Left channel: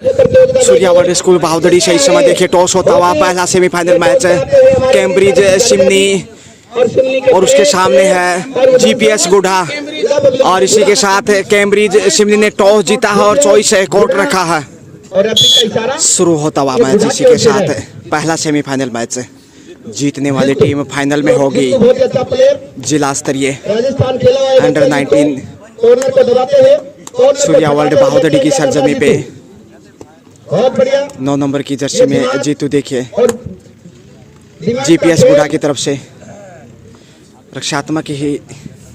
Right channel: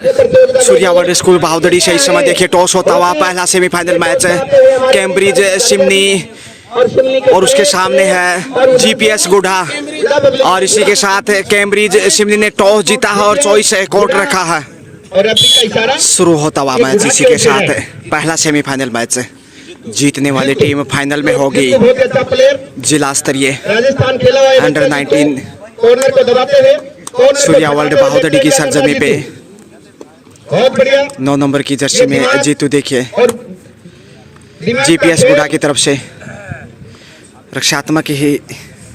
Surya world school बहादुरी से इस समय देखिए टॉस होता हुआ पहला सेमीफाइनल मैच है कैम्ब्रिज सिमनी और उसके सामने है जीपीएस गुढ़ा और इसी के साथ कैम्ब्रिज सिमनी ने टॉस जीता है और चॉइस कोर्ट रखा है। शुरू होता हुआ मैच इसी के साथ पहला सेमीफाइनल मैच जीतने वाली टीम फाइनल में होगी जिला स्तरीय अंडर 19 सूर्या वर्ल्ड बहादुरी की सरजमी पे 9 नंबर की जर्सी में जीतू देखिए जीपीएस गुढ़ा की तरफ से रक्षात्मक ही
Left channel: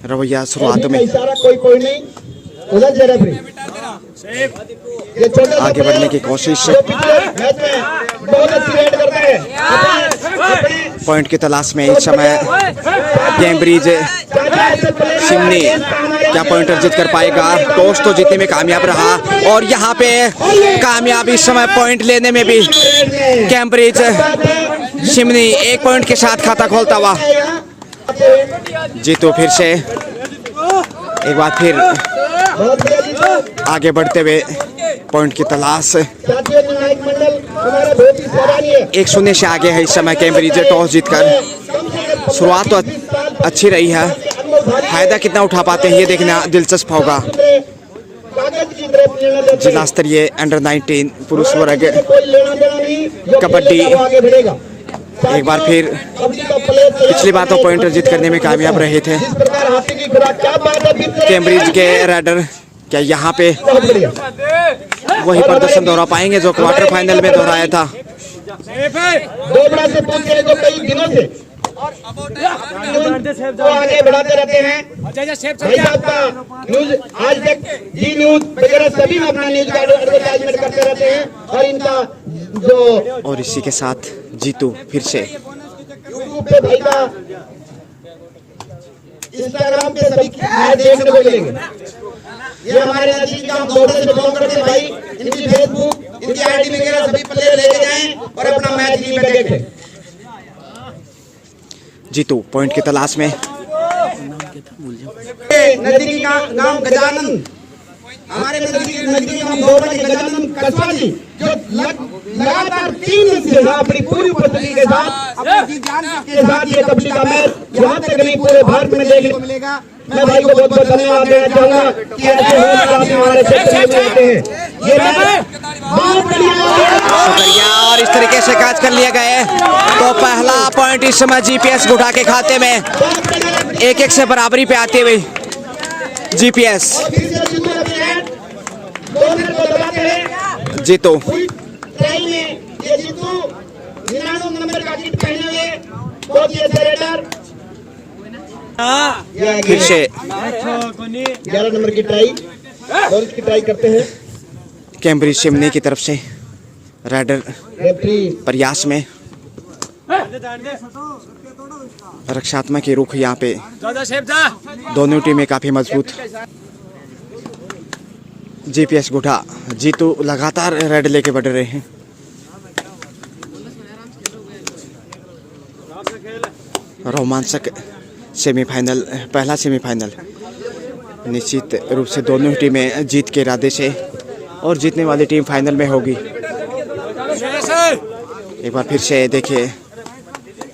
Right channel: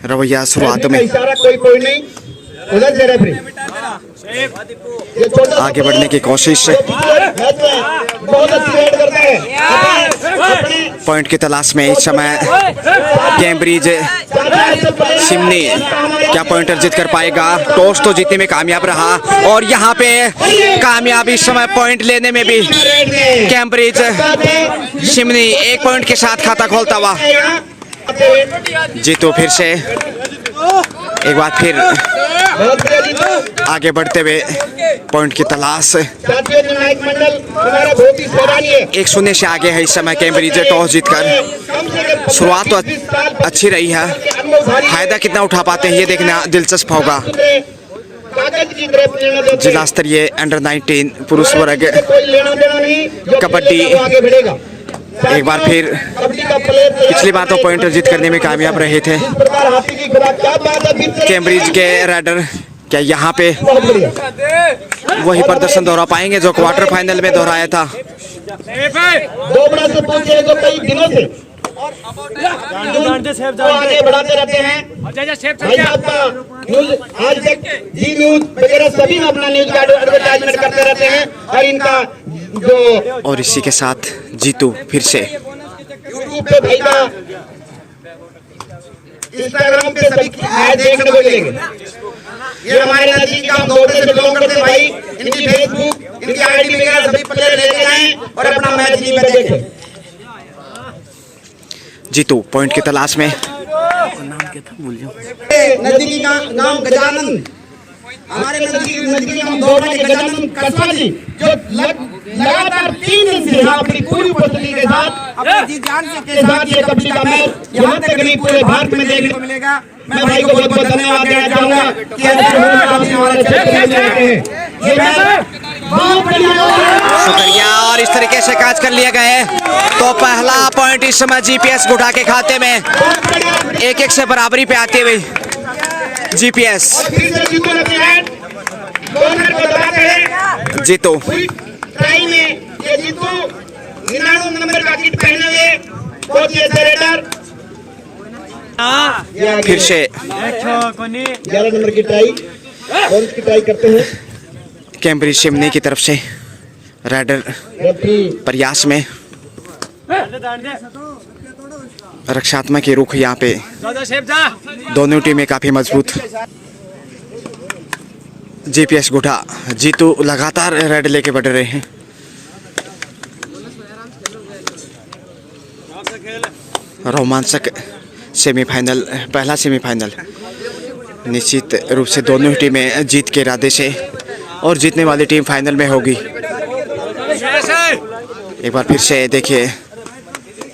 रवैया शुरुआत में आगे बढ़ने की कोशिश पॉइंट की तलाश में इस समय कैम्ब्रिज सिमनी क्या पॉइंट अर्जित कर पाएगा। टॉस तो जीतने में कामयाब रहा और यहाँ पे कामयाब इस समय पॉइंट लेने में भी कैम्ब्रिज सिमनी 1 पॉइंट के साथ खाता खोलता हुआ जीतू फिर से एक बार फिर आगे बढ़ते हुए पॉइंट की तलाश 1-0 से आगे है इस समय कैम्ब्रिज टॉस जीतकर। शुरुआत तो अच्छी रही है, फायदा कितना उठा पाते हैं ये देखना दिलचस्प होगा। जिला स्तरीय अंडर 19 पुरुष वर्ग कबड्डी एक बार फिर पिछली बार तो पॉइंट अर्जित करने में कामयाब रहे थे कैम्ब्रिज के राइडर। क्या यहाँ पे वही प्रदर्शन दोहरा पाएंगे जो क्वार्टर फाइनल में दोहराया था। और इसी के साथ जीतू फिर से इंस्टाग्राम पे सभी देखने को मिलेंगे। ये हमारे नजदीक का दोस्त से बिलोंग करते हैं भाई, इनकी फेसबुक इनकी आईडी वगैरह सभी प्लेयर ले जाएं और अपना मैच टीवी में देखें। जीतू पॉइंट की तलाश में नजदीकी का नाम गजानन, हमारे नजदीकी नाम दौड़ा के गजानन कसवा जी जो लगातार 3 दिन से अपनी पूरी उपस्थिति के साथ अपनी जी जान के साथ ये कबड्डी का मैच यहाँ तक नहीं पूरे भारत में देखने को मिलेगा। मैं भाई को बहुत बहुत धन्यवाद देना चाहूंगा कि आपने हमारे क्षेत्र में आए हैं। ये मैच बहुत बढ़िया शुक्रिया और इस तरीके से कैच कर लिए गए तो पहला पॉइंट इस समय जीपीएस गुढ़ा के खाते में 1-1 से बराबरी पे आते हुए जीपीएस जीतू फिर से 11 नंबर की ट्राई कौन की ट्राई करते हैं कैम्ब्रिज सिमनी की तरफ से राइडर प्रयास में रक्षात्मक के रुख यहाँ पे दोनों टीमें काफी मजबूत। जीपीएस गुढ़ा जीतू लगातार रेड लेके बढ़ रहे हैं। रोमांचक सेमीफाइनल पहला सेमीफाइनल निश्चित रूप से दोनों टीमें जीत के इरादे से और जीतने वाली टीम फाइनल में होगी। एक बार फिर से देखिए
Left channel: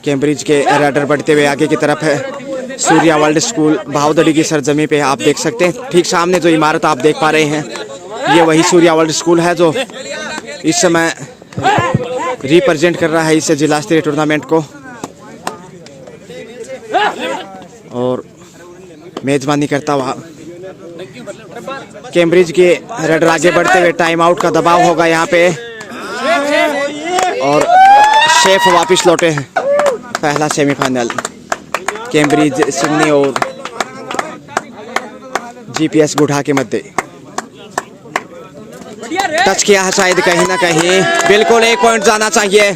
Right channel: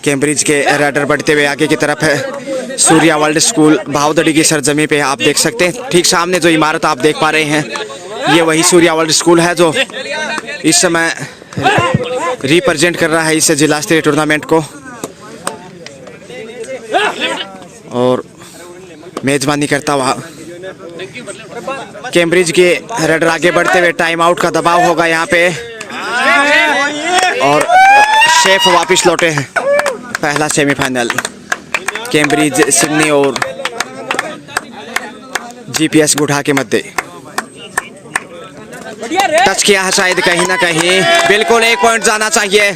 कैम्ब्रिज के राइडर बढ़ते हुए आगे की तरफ है। सूर्या वर्ल्ड स्कूल बहादुरी की सरजमी पे आप देख सकते हैं ठीक सामने जो इमारत आप देख पा रहे हैं ये वही सूर्या वर्ल्ड स्कूल है जो इस समय रिप्रेजेंट कर रहा है इस जिला स्तरीय टूर्नामेंट को और मेजबानी करता हुआ कैम्ब्रिज के राइडर आगे बढ़ते हुए टाइम आउट का दबाव होगा यहाँ पे और शेफ वापस लौटे हैं। पहला सेमीफाइनल कैम्ब्रिज सिमनी और जीपीएस गुढ़ा के मध्य टच किया है शायद कहीं ना कहीं, बिल्कुल 1 पॉइंट जाना चाहिए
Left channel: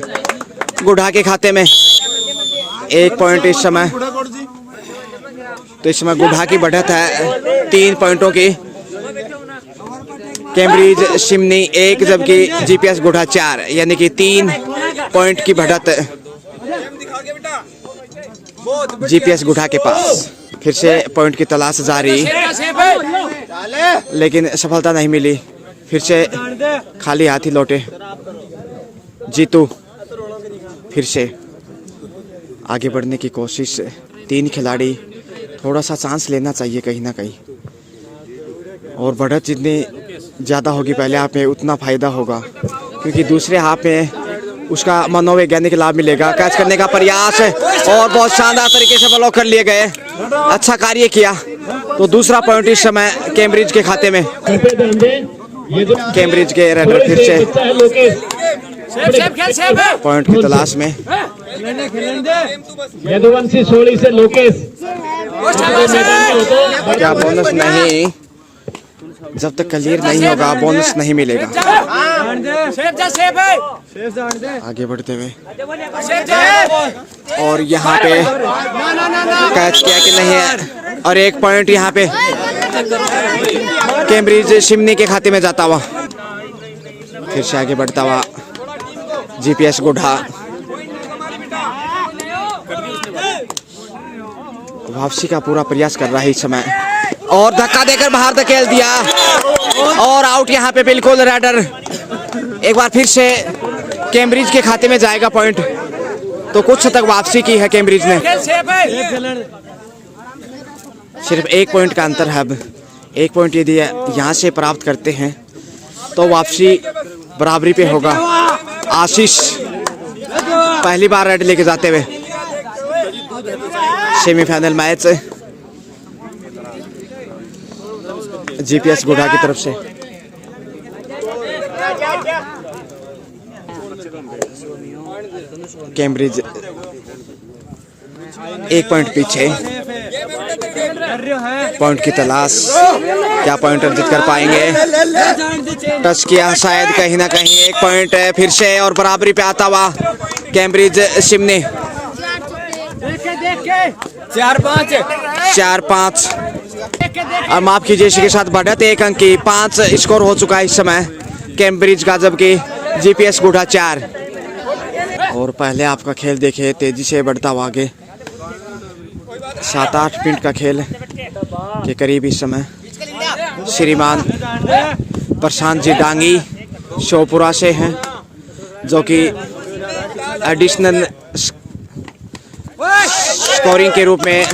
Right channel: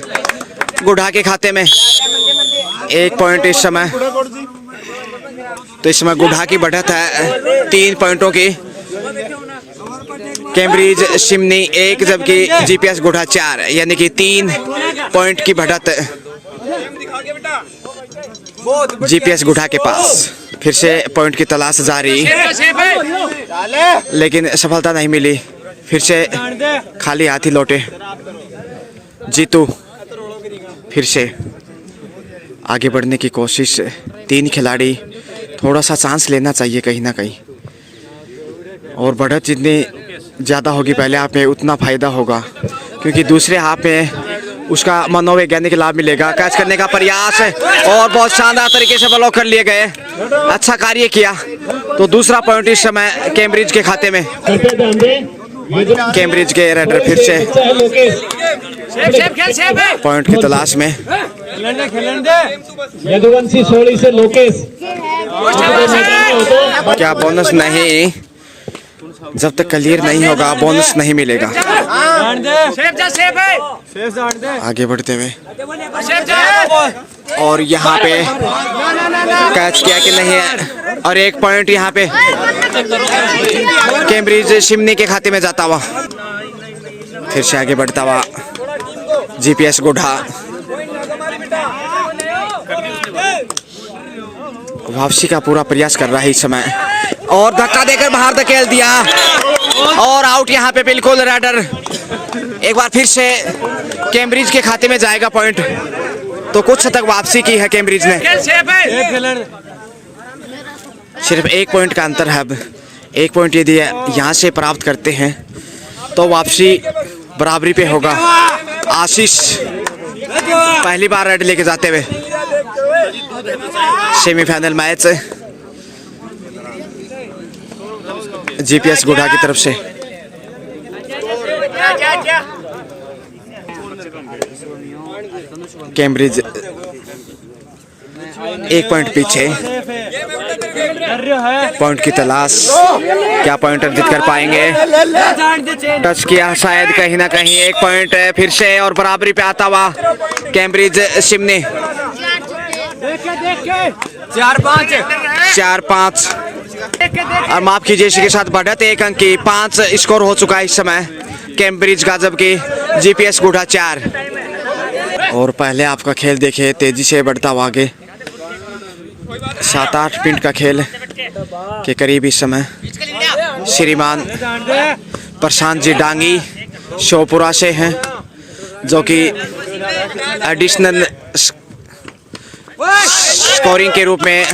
गुढ़ा के खाते में। 1 पॉइंट इस समय तो इस समय गुढ़ा की बढ़त है 3 पॉइंटों की, कैम्ब्रिज सिमनी 1 जबकि जीपीएस गुढ़ा 4 यानी कि 3 पॉइंट की बढ़त जीपीएस गुढ़ा के पास। फिर से पॉइंट की तलाश जारी लेकिन सफलता नहीं मिली। फिर से खाली हाथ ही लौटे। जीतू फिर से आगे बढ़ने की कोशिश। 3 खिलाड़ी, थोड़ा सा चांस लेना चाहिए कहीं ना कहीं, और बढ़त जितनी ज़्यादा होगी पहले हाफ में उतना फ़ायदा होगा, क्योंकि दूसरे हाफ में उसका मनोवैज्ञानिक लाभ मिलेगा। कैच करने का प्रयास और बहुत शानदार तरीके से ब्लॉक कर लिए गए। अच्छा कार्य किया। तो दूसरा पॉइंट इस समय कैम्ब्रिज के खाते में। कैम्ब्रिज के रेडर फिर से पॉइंट की तलाश में। यदुवंशी सोली से लोकेश, क्या बोनस नहीं? जब तक क्लियर नहीं होगा बोनस नहीं मिलेगा। आगे बढ़ते हुए और यहाँ पे कैच किया कि नहीं है, और 1 पॉइंट यहाँ पे कैम्ब्रिज शिमनी के खाते में जाता हुआ। फिर से आगे बढ़ता हुआ जीपीएस गुढ़ा। वापसी का पूरा प्रयास कर रहा है इस समय, और धक्का देकर बाहर धकेल दिया, और आउट यहाँ पे बिल्कुल। रेडर एक बार फिर से कैम्ब्रिज के खाते में जाएगा पॉइंट। तो कुछ तक वापसी की है कैम्ब्रिज ने। सिर्फ 1 पॉइंट का अंतर है अब। 1 पॉइंट यदि यहाँ से प्राप्त करते हैं तो वापसी बराबरी पे होगा। आशीष पहली बार रेड लेके जाते हुए सेमीफाइनल मैच जीपीएस गुढ़ा की तरफ से। कैम्ब्रिज 1 पॉइंट पीछे। पॉइंट की तलाश, क्या पॉइंटर जीत कर पाएंगे? टच किया शायद कहीं ना कहीं। 1 पॉइंट फिर से, और बराबरी पे आता हुआ कैम्ब्रिज शिमनी। 4-5 और माफ कीजिए इसी के साथ बढ़त 1 अंक की 5 स्कोर हो चुका है इस समय कैम्ब्रिज का, जबकि जीपीएस गुढ़ा 4। और पहले आपका खेल देखिए तेजी से बढ़ता हुआ आगे। 7-8 मिनट का खेल के करीब इस समय श्रीमान प्रशांत जी डांगी शोपुरा से हैं, जो कि एडिशनल स्कोरिंग के रूप में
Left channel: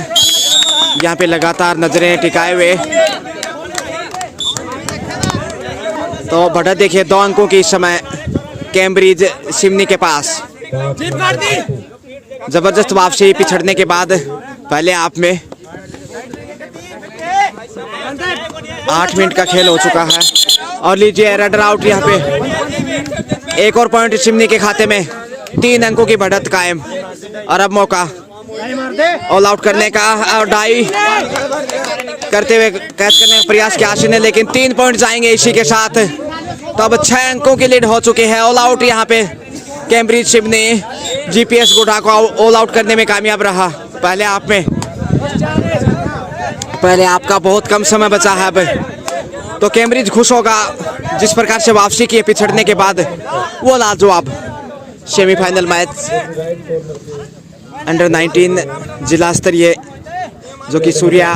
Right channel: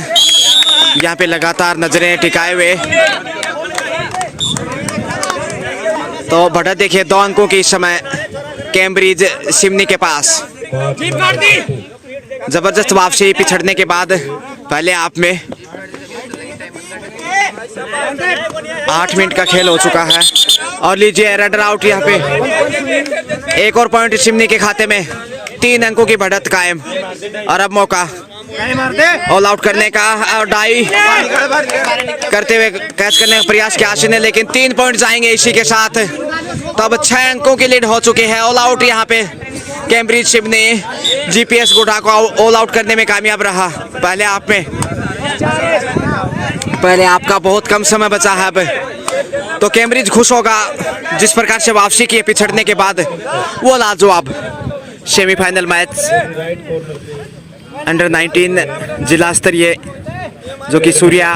यहाँ पे लगातार नजरें टिकाए हुए। तो बढ़त देखिए 2 अंकों की इस समय कैम्ब्रिज शिमनी के पास। जबरदस्त वापसी पिछड़ने के बाद पहले हाफ में 8 मिनट का खेल हो चुका है। और लीजिए रेडर आउट यहाँ पे। 1 और पॉइंट शिमनी के खाते में। 3 अंकों की बढ़त कायम, और अब मौका ऑल आउट करने का, और डाई करते हुए कैच करने का प्रयास किया आशीष ने, लेकिन 3 पॉइंट जाएंगे इसी के साथ। तो अब 6 अंकों की लीड हो चुकी है। ऑल आउट यहाँ पे कैम्ब्रिज शिमनी जीपीएस गुढ़ा को ऑल आउट करने में कामयाब रहा पहले हाफ में। पहले आपका बहुत कम समय बचा है अब। तो कैम्ब्रिज खुश होगा जिस प्रकार से वापसी की पिछड़ने के बाद। वो लाजवाब सेमीफाइनल मैच अंडर 19 जिला स्तरीय, जो कि सूर्या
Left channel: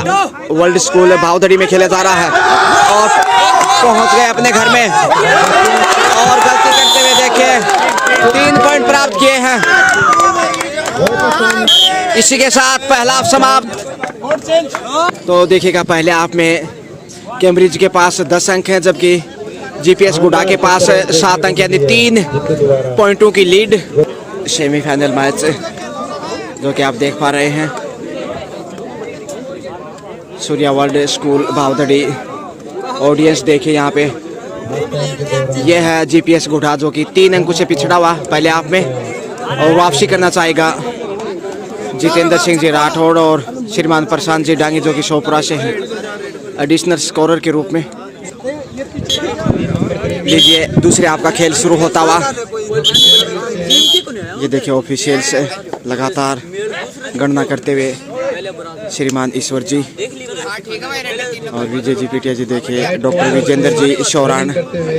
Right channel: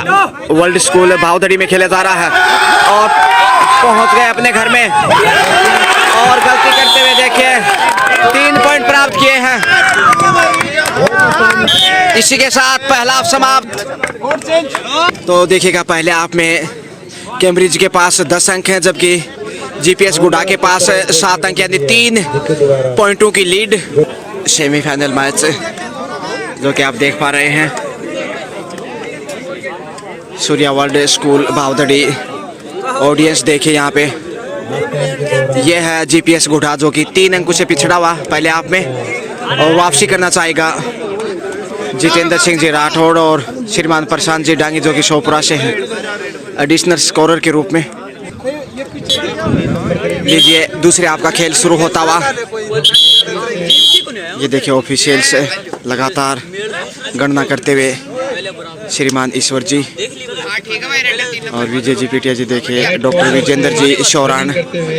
वर्ल्ड स्कूल भावदड़ी में खेला जा रहा है, और पहुंच गए अपने घर में। और गलती करते हुए देखिए 3 पॉइंट प्राप्त किए हैं। इसी के साथ पहला हाफ समाप्त। तो देखिएगा पहले हाफ में कैम्ब्रिज के पास 10 अंक हैं, जबकि जीपीएस गुढ़ा के पास 7 अंक, यानी 3 पॉइंटों की लीड। सेमीफाइनल मैच जो कि आप देख पा रहे हैं सूर्या वर्ल्ड स्कूल भावदड़ी। ऑडियंस देखिए यहाँ पे, ये है जीपीएस गुढ़ा जो कि 3 अंकों से पिछड़ा हुआ पहले हाफ में, और वापसी करना चाहेगा जितेंद्र सिंह जी राठौड़ और श्रीमान प्रशांत जी डांगी, जो कि शोपुरा से हैं एडिशनल स्कोरर के रूप में। लीजिए दूसरे हाफ का खेल शुरू होता हुआ। ये देखिए ऑफिशियल्स लगातार गणना करते हुए श्रीमान ईश्वर जी और विजय जी पीटिया जी। देखिए डॉक्टर विजेंद्र जी शौरान,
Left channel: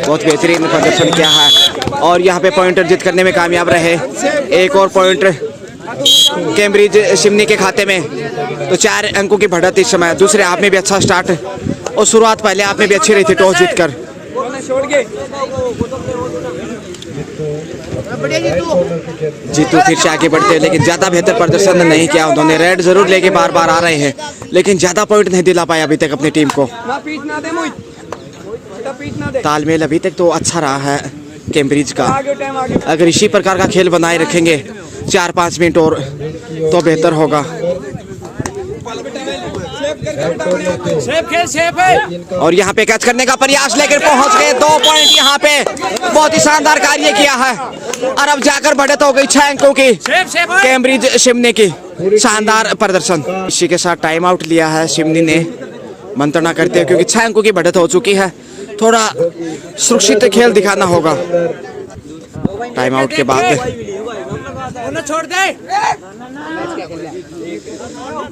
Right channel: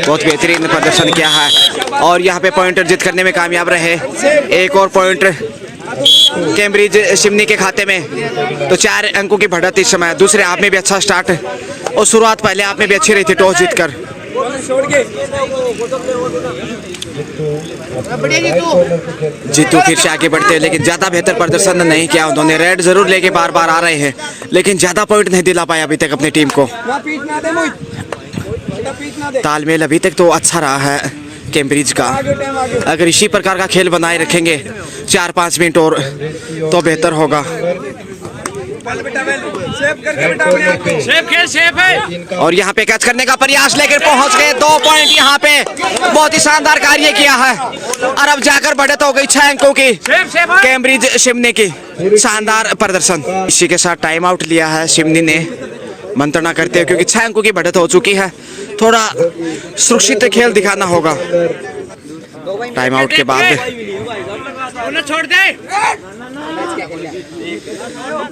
बहुत बेहतरीन प्रदर्शन किया है, और यहाँ पे पॉइंट अर्जित करने में कामयाब रहे। 1 और पॉइंट कैम्ब्रिज शिमनी के खाते में। तो 4 अंकों की बढ़त इस समय। दूसरे हाफ में भी अच्छा स्टार्ट, और शुरुआत पहले हाफ में भी अच्छी रही थी टॉस जीतकर। जीतू फिर से आगे बढ़ते हैं, लेकिन ज्यादा बेहतर प्रदर्शन नहीं किया उन्होंने। रेड जरूर लेके बार बार आ रहे हैं, लेकिन ज्यादा पॉइंट नहीं दिला पाए अभी तक अपनी टीम को। तालमेल अभी तक तो अच्छा रहा है कैम्ब्रिज का। अगर इसी प्रकार का खेल बनाए रखेंगे 4-5 मिनट और तो बेहतर होगा। और यहाँ पे कैच करने का प्रयास लेकर पहुंच गए। 2 पॉइंट यहाँ पे बहुत ही शानदार कार्य किया है। और अब जाकर बढ़त हो गई 6 अंकों की कैम्ब्रिज शिमनी की। शानदार प्रदर्शन। इसी के साथ टाइम आउट लिया है शिमनी ने मंत्रणा करते हुए, क्योंकि 6 अंकों की बढ़त हो चुकी है। थोड़ा सुरक्षित खेल दिखाना होगा टाइम आउट के बाद। छोड़ दे।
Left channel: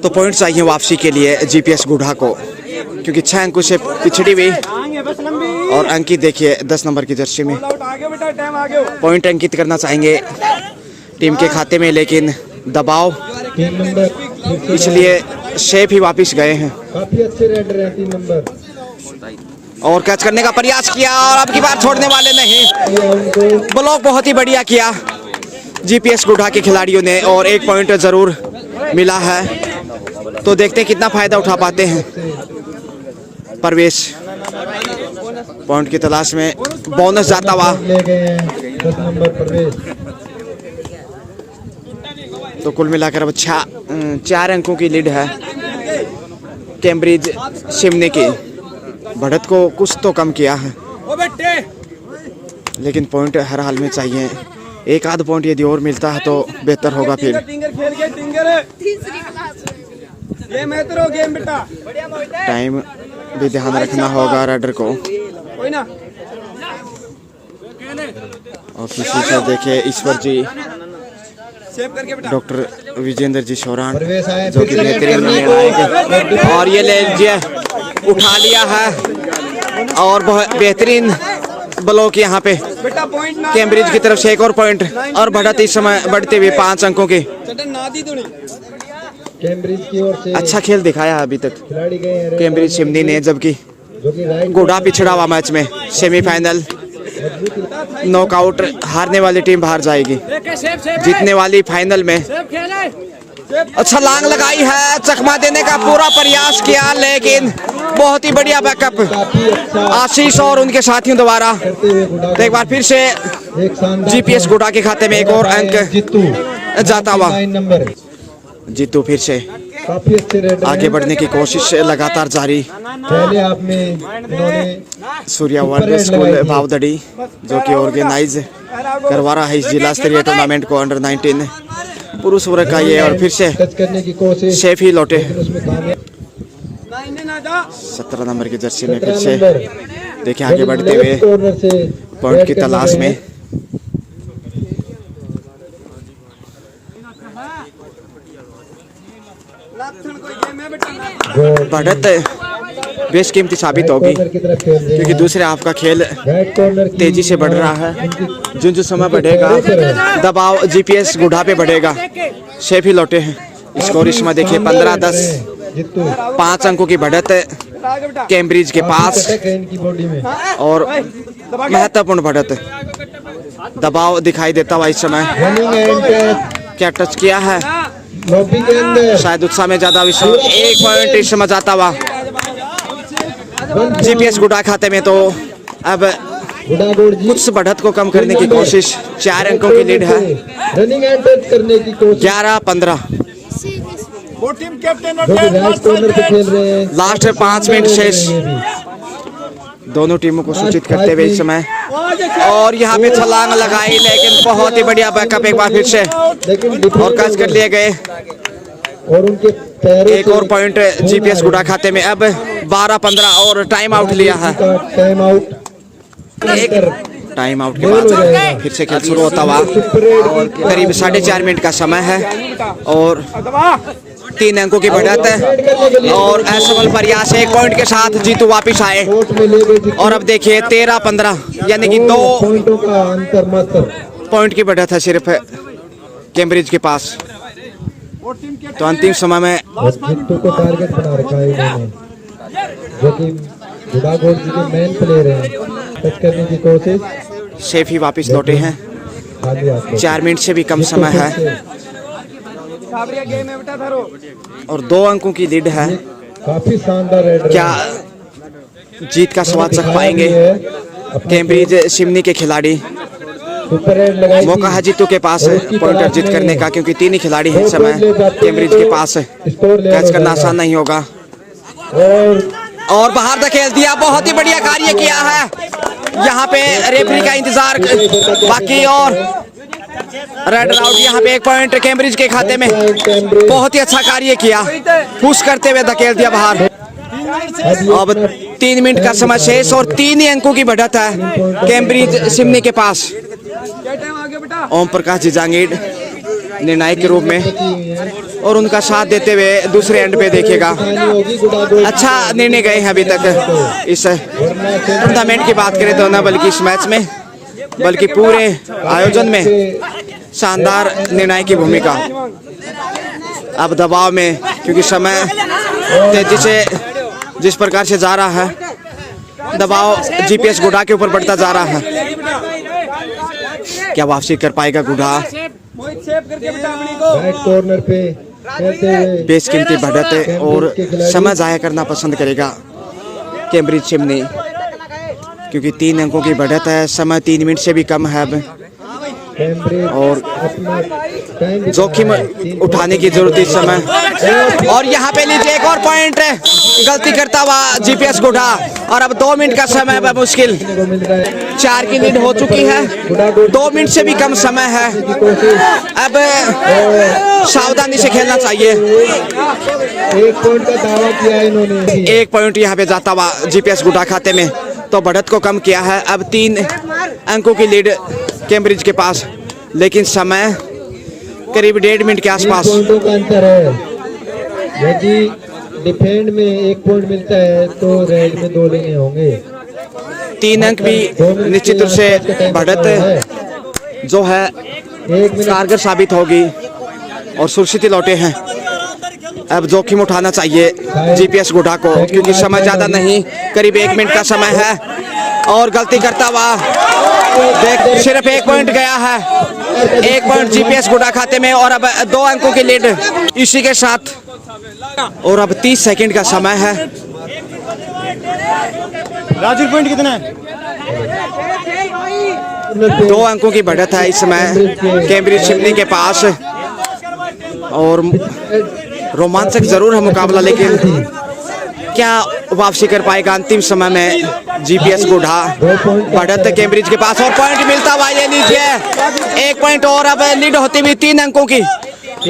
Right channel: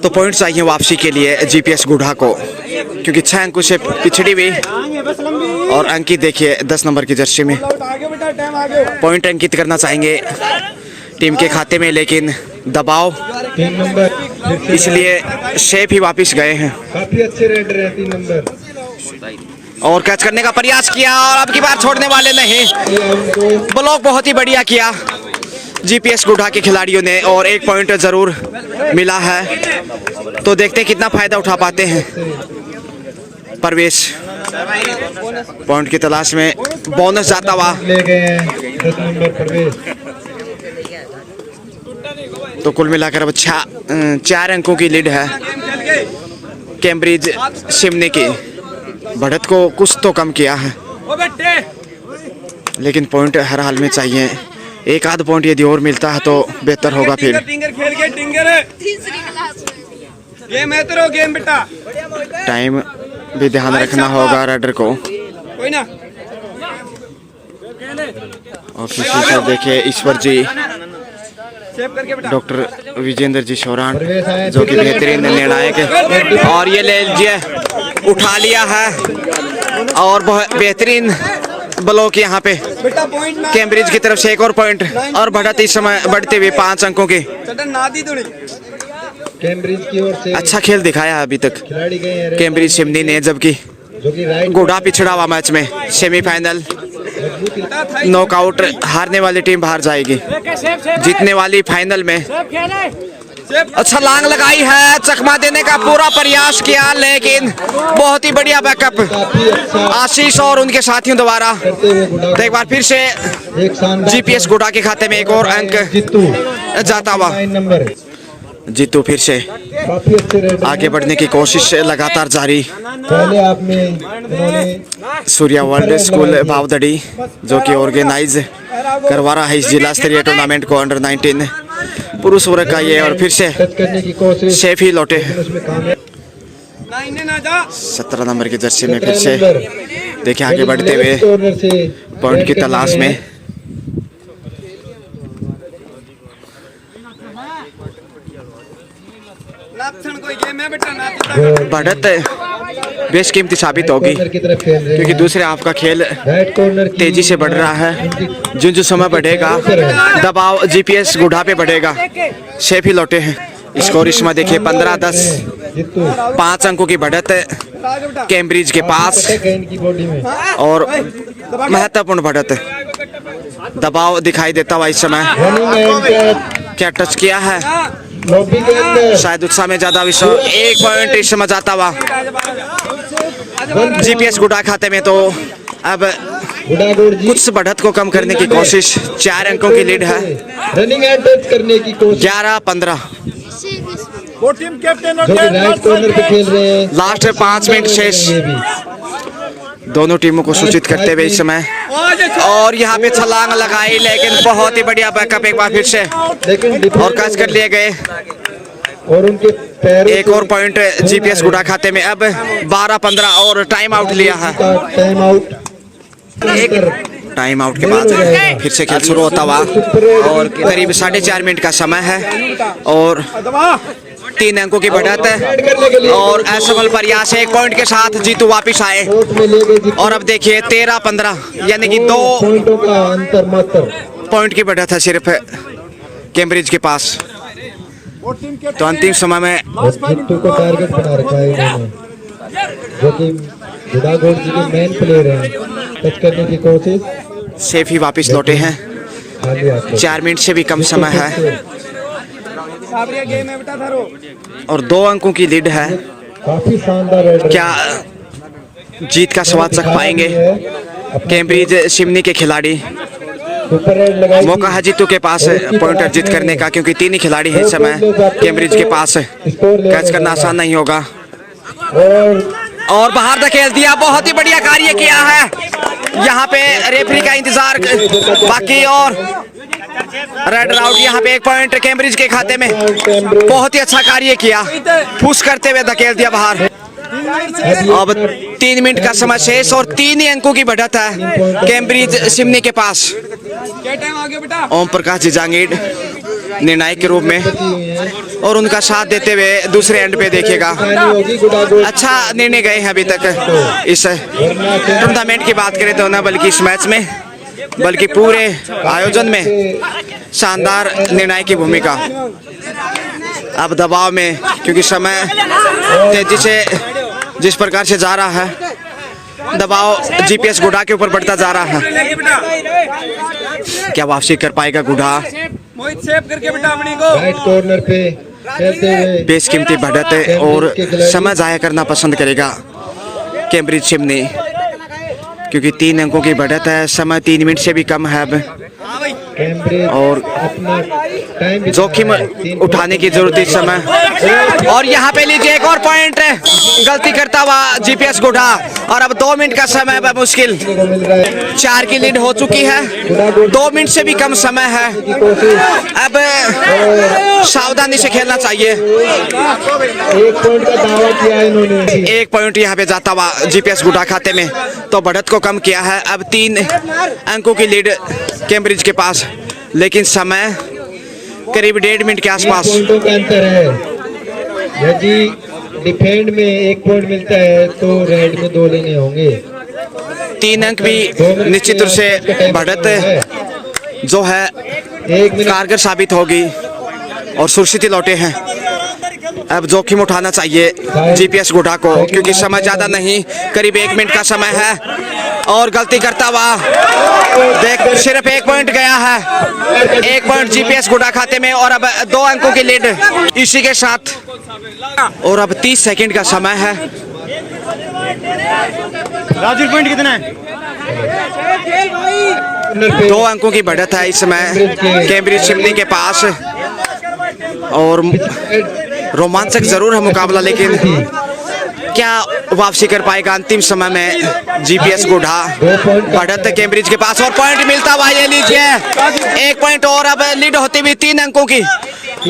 तो पॉइंट चाहिए वापसी के लिए जीपीएस गुढ़ा को, क्योंकि 6 अंकों से पिछड़ी हुई। और अंकित देखिए 10 नंबर की जर्सी में पॉइंट अंकित करना चाहेंगे टीम के खाते में, लेकिन दबाव इसलिए शेफ ही वापस गए हैं। काफी अच्छे रेडर हैं 3 नंबर। और कैच करने का प्रयास किया और अब की बार छोड़ने वाले नहीं। ब्लॉक बहुत ही बढ़िया किया जीपीएस गुढ़ा के खिलाड़ियों ने, और 1 पॉइंट जरूर मिला है। तो देखते हैं कितना फायदा उठा पाते हैं। परवेश पॉइंट की तलाश में बोनस जाता हुआ। ले गए हैं 10 नंबर परवेश। तो कुल मिलाकर अब 4 अंकों की लीड है कैम्ब्रिज शिमनी की। बढ़त को कुछ तो कम किया है, लेकिन पॉइंट हर हाल में चाहिए। 1 आध पॉइंट यदि और मिलता है तो बेहतर होगा। फिर टाइम भी ध्यान रखना होगा रेडर को। और किसी से देखे ईश्वर जी, डॉक्टर विजेंद्र जी शौरान, जो कि बेहतरीन निर्णायक है। और ये ले लीजिए, उठा लिया है और बहुत बेहतरीन ब्लॉक यहाँ पे कैम्ब्रिज की तरफ से। 1 और पॉइंट और बढ़त इस समय बढ़ते हुए 5 अंकों की। कैम्ब्रिज की ओर से अच्छा खेल दिखाया है अभी तक खिलाड़ी गए हैं कैम्ब्रिज शिमनी ने, जबकि जो कि राइट गुढ़ा पिछड़ा हुआ मैच में सेमीफाइनल नॉकआउट हारने वाली टीम बाहर जाएगी, जीतने वाली फाइनल में। अच्छा लांग लगाई है, चकमा देने का पूरा प्रयास किया, लेकिन बहुत ही बढ़िया बैकअप काफी अच्छा आशीष और उनके साथियों द्वारा। करते हुए गुढ़ा तो एक बार फिर से एक शानदार जीपीएस गुढ़ा के खाते में 1 और अंक जीतू जाता हुआ। 9 नंबर। जीतू फिर से काफी अच्छे रेडर आगे बढ़ने की कोशिश लगातार जारी। पहले आपने इन्होंने सूर्या वर्ल्ड स्कूल भावदड़ी, जो कि ऑर्गेनाइज करवा रहा है इस जिला स्तरीय टूर्नामेंट को अंडर 19 पुरुष वर्ग का ये। और फिर से टच करने की कोशिश शेफ ही लौटे उसमें कामयाब। 17 नंबर की जर्सी में फिर से देखिए आगे बढ़ते हुए कॉर्नर से पॉइंट की तलाश में। बढ़त बेशकीमती साबित होगी, कॉर्नर की तरफ खेल रहे क्योंकि दूसरे हाफ का खेल राइट कॉर्नर की तेजी से बढ़ रहा है। जो समय बढ़ेगा दबाव जीपीएस गुढ़ा पे बढ़ेगा। शेफ ही लौटे हैं। स्कोर इसमें देखिए 15-10, जीतू 5 अंकों की बढ़त कैम्ब्रिज के पास की बॉडी में और महत्वपूर्ण बढ़त। दबाव दिखाई देता हुआ इस समय। रनिंग एंड क्या टच किया है, लॉबी के अंदर शायद उत्साह में ज्यादा विषय। 1 पॉइंट इस समय जाता हुआ जीपीएस गुढ़ा खाते में। तो अब गुड़ागुड़ जी कुछ बढ़त को कम करने की कोशिश। 4 अंकों की लीड है। रनिंग एंड टच करने की कोशिश 11-15, जो कि राइट कॉर्नर पे खेल रहे हैं। लास्ट 5 मिनट शेष। ये भी दोनों टीमों को सूचित करते हुए इस समय। और यहाँ पे छलांग लगाई, लेकिन बहुत ही बढ़िया बैकअप एक बार फिर से लेकिन और कैच कर लिए गए। और उनके पैरों 1 और पॉइंट जीपीएस गुढ़ा खाते में। अब 12-15 और टाइम आउट लिया है। का टाइम आउट टाइम आउट के बाद फिर से खेल शुरू होता हुआ और करीब 4.5 मिनट का समय है और 3 अंकों की बढ़त है। और असफल प्रयास 1 पॉइंट के साथ जीतू वापिस आए। कोर्ट में ले गए जीतू। और अब देखिए 13-15, यानी कि 2 पॉइंटों का अंतर मात्र। पॉइंट की बढ़त है सिर्फ कैम्ब्रिज के पास। तो अंतिम समय में और जीतू को टारगेट बना रखा है इन्होंने, जो कि गुडागोड़ जी के मेन प्लेयर हैं। टच करने की कोशिश, सेफ ही वापस लौटे हैं। खाली हाथ 4 मिनट से भी कम समय है और 2 अंकों की लीड है। काफी शानदार रेड क्या जीत का स्वाद चख पाएंगे कैम्ब्रिज शिमनी के खिलाड़ी? सुपर रेड लगाई मौका है जीतू के पास पॉइंट अर्जित करने का, क्योंकि 3 ही खिलाड़ी हैं इस समय कैम्ब्रिज के पास। कैच करना आसान नहीं होगा और बाहर धकेल दिया। बहुत ही बढ़िया कार्य किया है यहाँ पे, रेफरी का इंतजार बाकी और रेड आउट। यहाँ पे 1 पॉइंट कैम्ब्रिज के खाते में। बहुत ही अच्छा कार्य किया, पुश करते हुए धकेल दिया बाहर। अब 3 मिनट का समय शेष और 3 ही अंकों की बढ़त है कैम्ब्रिज शिमनी के पास। ओम प्रकाश जी जांगीड़ निर्णायक के रूप में और उनका साथ देते हुए दूसरे एंड पे देखिएगा। अच्छा निर्णय गए हैं अभी तक इस टूर्नामेंट की बात करें तो, ना बल्कि इस मैच में बल्कि पूरे आयोजन में शानदार निर्णय की भूमिका। अब दबाव में, क्योंकि समय तेजी से जिस प्रकार से जा रहा है, दबाव जीपीएस गुढ़ा के ऊपर बढ़ता जा रहा है। क्या वापसी कर पाएगा गुढ़ा? राइट कॉर्नर पे खेलते हुए बेशकीमती बढ़त है और समय जाया करना पसंद करेगा कैम्ब्रिज शिमनी, क्योंकि 3 अंकों की बढ़त है। समय 3 मिनट से भी कम है अब कैम्ब्रिज और अपना टाइम जोखिम उठाने की जरूरत है इस समय। और यहाँ पे लीजिए एक और पॉइंट, गलती करता हुआ जीपीएस गुढ़ा। और अब 2 मिनट का समय है मुश्किल। 4 की लीड हो चुकी है, 2 मिनट से भी कम समय है। अब सावधानी से खेलना चाहिए। 1 पॉइंट का दावा किया इन्होंने। 1 पॉइंट यहाँ पे जाता हुआ जीपीएस गुढ़ा खाते में, तो बढ़त को कम किया है। अब 3 अंकों की लीड कैम्ब्रिज के पास, लेकिन समय करीब 1.5 मिनट के आसपास। पॉइंटों का अंतर है। यदि डिफेंड में 1 पॉइंट मिलता है तो रेड में 2 लेने होंगे। 3 अंक भी निश्चित रूप से बढ़त जो है 1 मिनट कारगर साबित होगी और सुरक्षित लौटे हैं। अब जोखिम उठाना चाहिए जीपीएस गुढ़ा को, क्योंकि समय ज्यादा नहीं, करीब 1 मिनट का समय है। और गलती करता हुआ देख, सिर्फ 1 पॉइंट गया है। 1 पॉइंट जीपीएस गुढ़ा खाते में और अब 2 अंकों की लीड इसी के साथ। और अब 30 सेकंड का समय है। राजू पॉइंट कितना है? 2 अंकों की बढ़त है इस समय कैम्ब्रिज शिमनी के पास और रोमांचक जरूर है मुकाबला, लेकिन क्या वापसी कर पाएगा अंतिम समय में जीपीएस गुढ़ा? बढ़त है कैम्ब्रिज के पास और पॉइंट मिलता हुआ, ये लीजिए 1 पॉइंट और अब लीड होती हुई 3 अंकों की।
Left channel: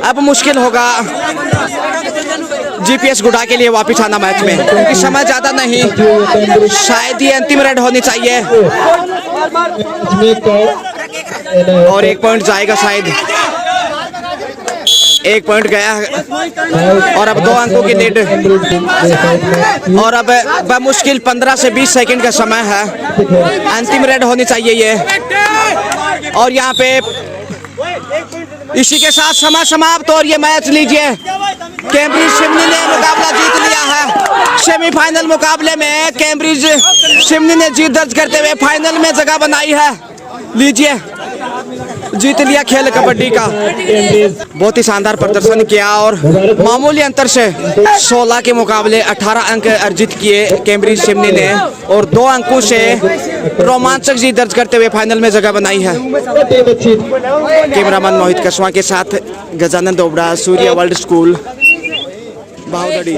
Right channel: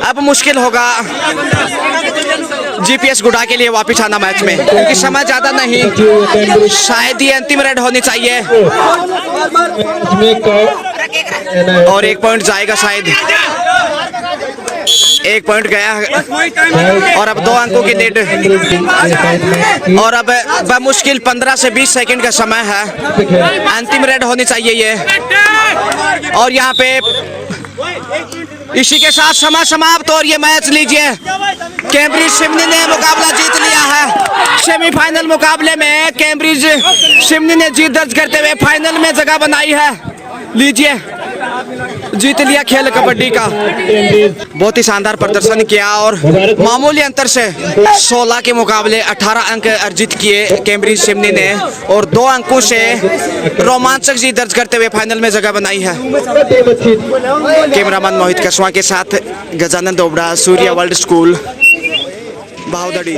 अब मुश्किल होगा जीपीएस गुढ़ा के लिए वापस आना मैच में, क्योंकि समय ज्यादा नहीं, शायद ये अंतिम रेड होनी चाहिए और 1 पॉइंट जाएगा शायद। 1 पॉइंट गया और अब 2 अंकों की लीड और अब बमुश्किल 15 से 20 सेकंड का समय है। अंतिम रेड होनी चाहिए ये। और यहाँ पे इसी के साथ समय समाप्त और ये मैच लीजिए कैम्ब्रिज शिमनी ने मुकाबला जीत लिया है। सेमीफाइनल मुकाबले में कैम्ब्रिज शिमनी ने जीत दर्ज करते हुए फाइनल में जगह बनाई है। लीजिए जीत लिया खेल कबड्डी का। बहुत ही शानदार प्रदर्शन किया और मामूली अंतर से 16 के मुकाबले 18 अंक अर्जित किए कैम्ब्रिज शिमनी ने और 2 अंकों से रोमांचक जीत दर्ज करते हुए फाइनल में जगह बनाई है। कैमरामैन मोहित कसवा के साथ गजानंद ओबड़ा, सूर्य वर्ल्ड स्कूल, बाहुदड़ी।